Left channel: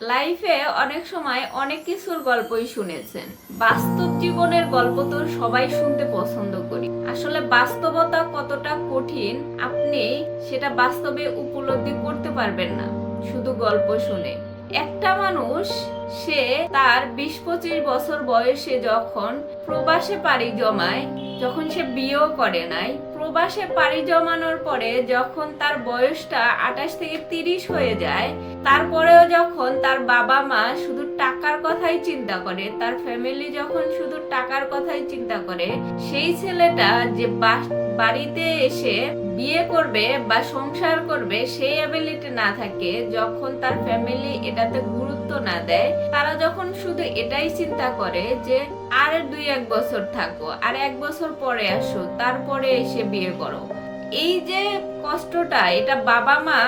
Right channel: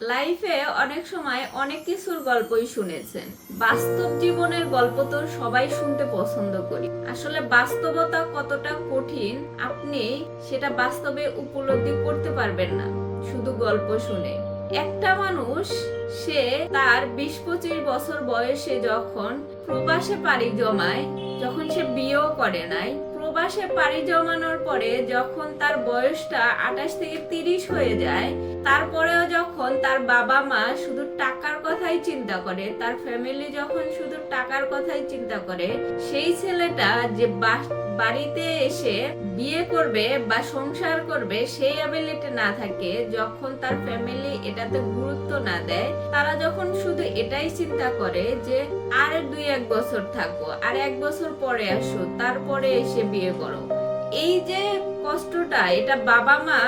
লাইফে অনেক সময় অনেক কিছুর গল্পই শুনেছেন। বাস্তব জীবনের গল্প তো সবাই শুনতে পছন্দ করি। আসলে বাস্তবতা কতটা কঠিন আপনি সেটা বাস্তবে উপলব্ধি করতে পারবেন না শুধু গল্প শুনে। একটা মানুষ সে তার 20-25 বছর বয়সে যখন প্রবাসে পাড়ি জমায়, যখন সে বিয়েও করে নাই, প্রবাসে পাড়ি জমানোর পরে যখন তার বয়সটা 28 থেকে 30 হয়ে যায়, তারপরেও যখন তার বাবা মা শুধু টাকার কথাই চিন্তা করে, তার ফ্যামিলি যখন শুধু টাকার কথাই চিন্তা করে, সেই ছেলেটা যে বাড়িতে এসে বিয়ে করবে বা সংসার করবে সেই অ্যাবিলিটি না থাকে, যখন তার ফ্যামিলি এটাতে গুরুত্ব না দেয়, তারা যখন শুধু এটাই চিন্তা করে যে আর 2-1 বছর থাকো, আর 1 বছর পরে আসো, তারপরে এসে বিয়ে করো। এই যে কষ্টটা, এটা বাবা মা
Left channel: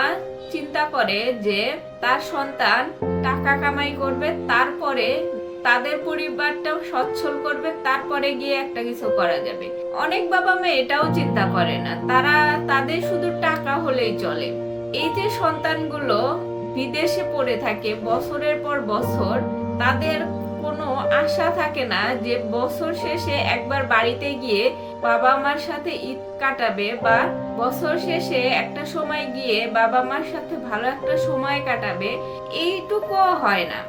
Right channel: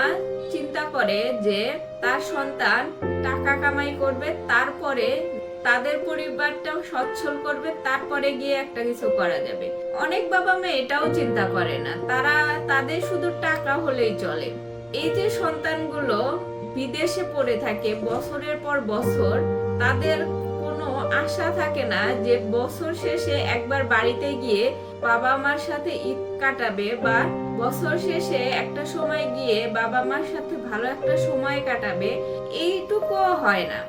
চিন্তা করে যে তার সন্তান টাকা কামাই করবে, তারপরে তাদের পরিবারটাও সচ্ছল করবে, তারপরে গিয়ে একটা কিছু করা যাবে। অনেক বাবা মা এটাও চিন্তা করে না, তারা তাদের শুধু টাকা হলেই চলে। এই যে সন্তানগুলো বিদেশে পড়ে থাকে বছরের পর বছর, তাদের কোনো আশা থাকে না যে বছর শেষে একবার বাড়িতে গিয়ে বাবা মার সাথে ঈদ কাটাবে, বা বছর শেষে একটা সময় গিয়ে বাবা মার সাথে ভালো একটা সময় কাটাবে। এইটুকু হয় না।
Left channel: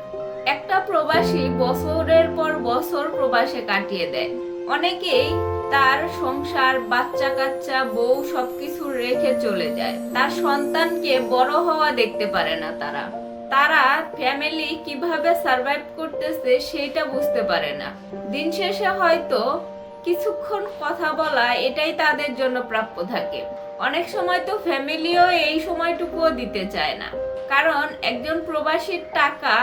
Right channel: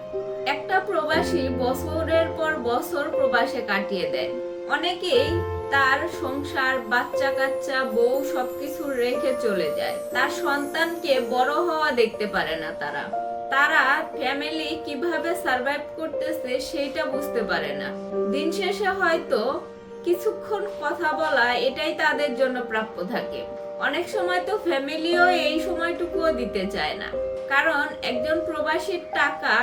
একটা প্রবাসী বছরের পর বছর প্রবাসে কাটিয়ে দেয়। অনেকেই তার সংসার, বাচ্চা কাচ্চা, বউ সবকিছু রেখে চলে যায়। তার সন্তানকে বড় হওয়া দেখতে পারে না। তারা ফ্যামিলি কিভাবে সার্ভাইভ করতেছে সেইটা বুঝতে পারে না। দিন শেষে হয়তো কিছুক্ষণ কথা বলা এটাই তাদের জন্য প্রাপ্য থাকে। অনেক সময় তো ফ্যামিলিও এই সময়টুকুও দিতে চায় না, কারণ একজন প্রবাসীর টাকা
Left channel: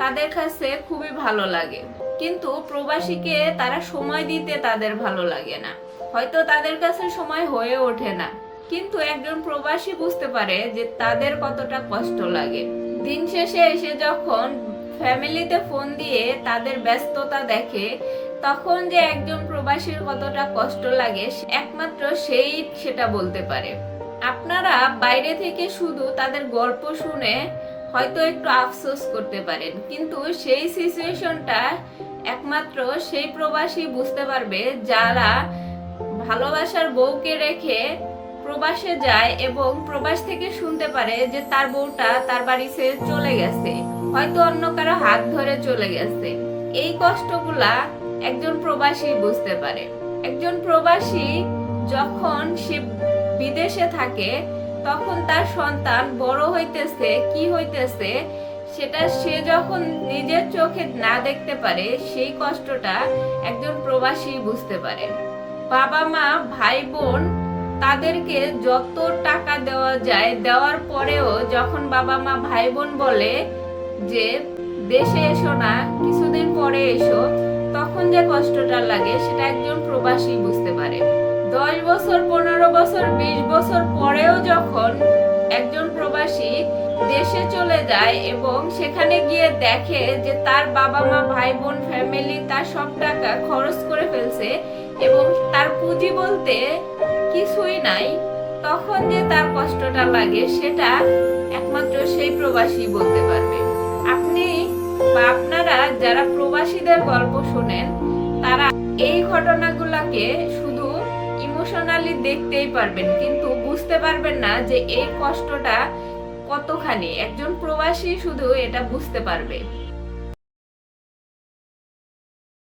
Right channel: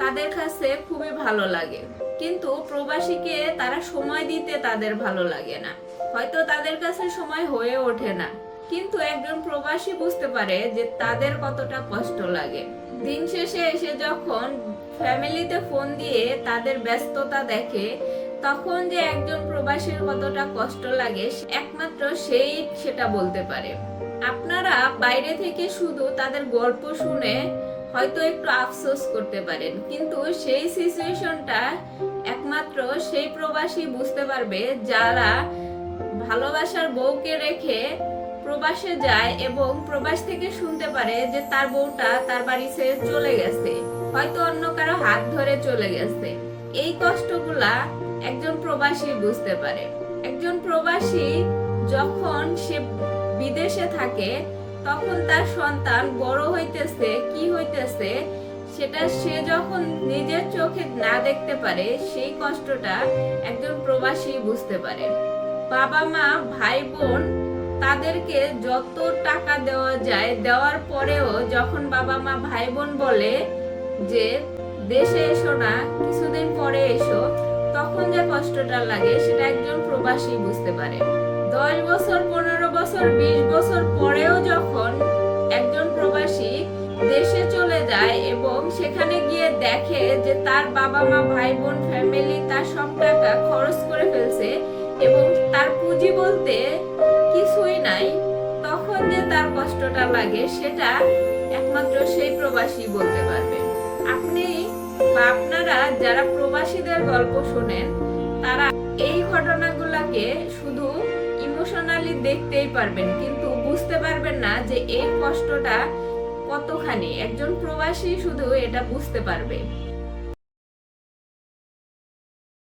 তাদের কাছে খুবই ভালো লাগে, কিন্তু প্রবাসীকে তারা সময় দিতে তাদের ভালো লাগে না। হয়তো তাদের কাছে সময় হয়ে ওঠে না, কিন্তু একজন প্রবাসী বুঝতে পারে যে তাদের কতটা কষ্ট লাগে। দিন শেষে এসে যখন ফ্যামিলিতে ফোন দিয়ে তাদের ব্যস্ততা দেখে, তখন যে একজন প্রবাসীর কতটা কষ্ট লাগে একমাত্র সেই সেটা বলতে পারে। আপনারা বাইরে থেকে শুধু তাদের গল্প শুনে হয়তো একটু আফসোস করতে পারেন, কিন্তু সেই সিচুয়েশনটা একমাত্র সেই প্রবাসী বুঝতে পারবে যারা ভালোবাসার বউকে রেখে প্রবাসে যায় এবং প্রবাস থেকে শুনতে পারে যে তার বউটা তার বাড়ি ছেড়ে চলে গেছে, হয়তো অন্য কারো হাত ধরে চলে গেছে। এই কষ্টগুলা একজন প্রবাসী বুঝতে পারে। একজন প্রবাসী যখন সে বিদেশে থাকে, তখন তার সন্তান বড় হইতেছে কি হইতেছে সেটা সে যখন নিজের চোখে না দেখতে পারে, সেই কষ্টটা একজন প্রবাসী বুঝতে পারে। বাবা মা, ভাই বোন, তাদেরকে যত টাকা দেওয়া যায় দেওয়ার পরেও যখন বাবা মা, ভাই বোন বলে যে দেশে এসো না, কিছুদিন পরে এসো, তখন যে কষ্টটা লাগে সেটা একজন প্রবাসী বুঝতে পারে। 10 বছর, 15 বছর, 20 বছর পরেও যখন একজন প্রবাসী দেশে চলে যায় এবং সেখানে গিয়ে দেখে যে তার বাবা মা, ভাই বোন, ফ্যামিলি তার সব টাকা খরচ করে ফেলছে এবং তার পুঁজি বলতে কিছুই নাই, তখন যে তার কষ্টটা লাগে সেটা একমাত্র সেই প্রবাসী বলতে পারবে। আপনি বা আপনারা যারা প্রবাসীদের গল্প শোনেন, তারা এই ঘটনাগুলোকে শুধু ইমোশনালি দেখতেই পারবেন, কিন্তু বুঝতে পারবেন না যে এই কষ্টটা কতখানি। একজন প্রবাসী শুধু এটা বুঝতে পারবে।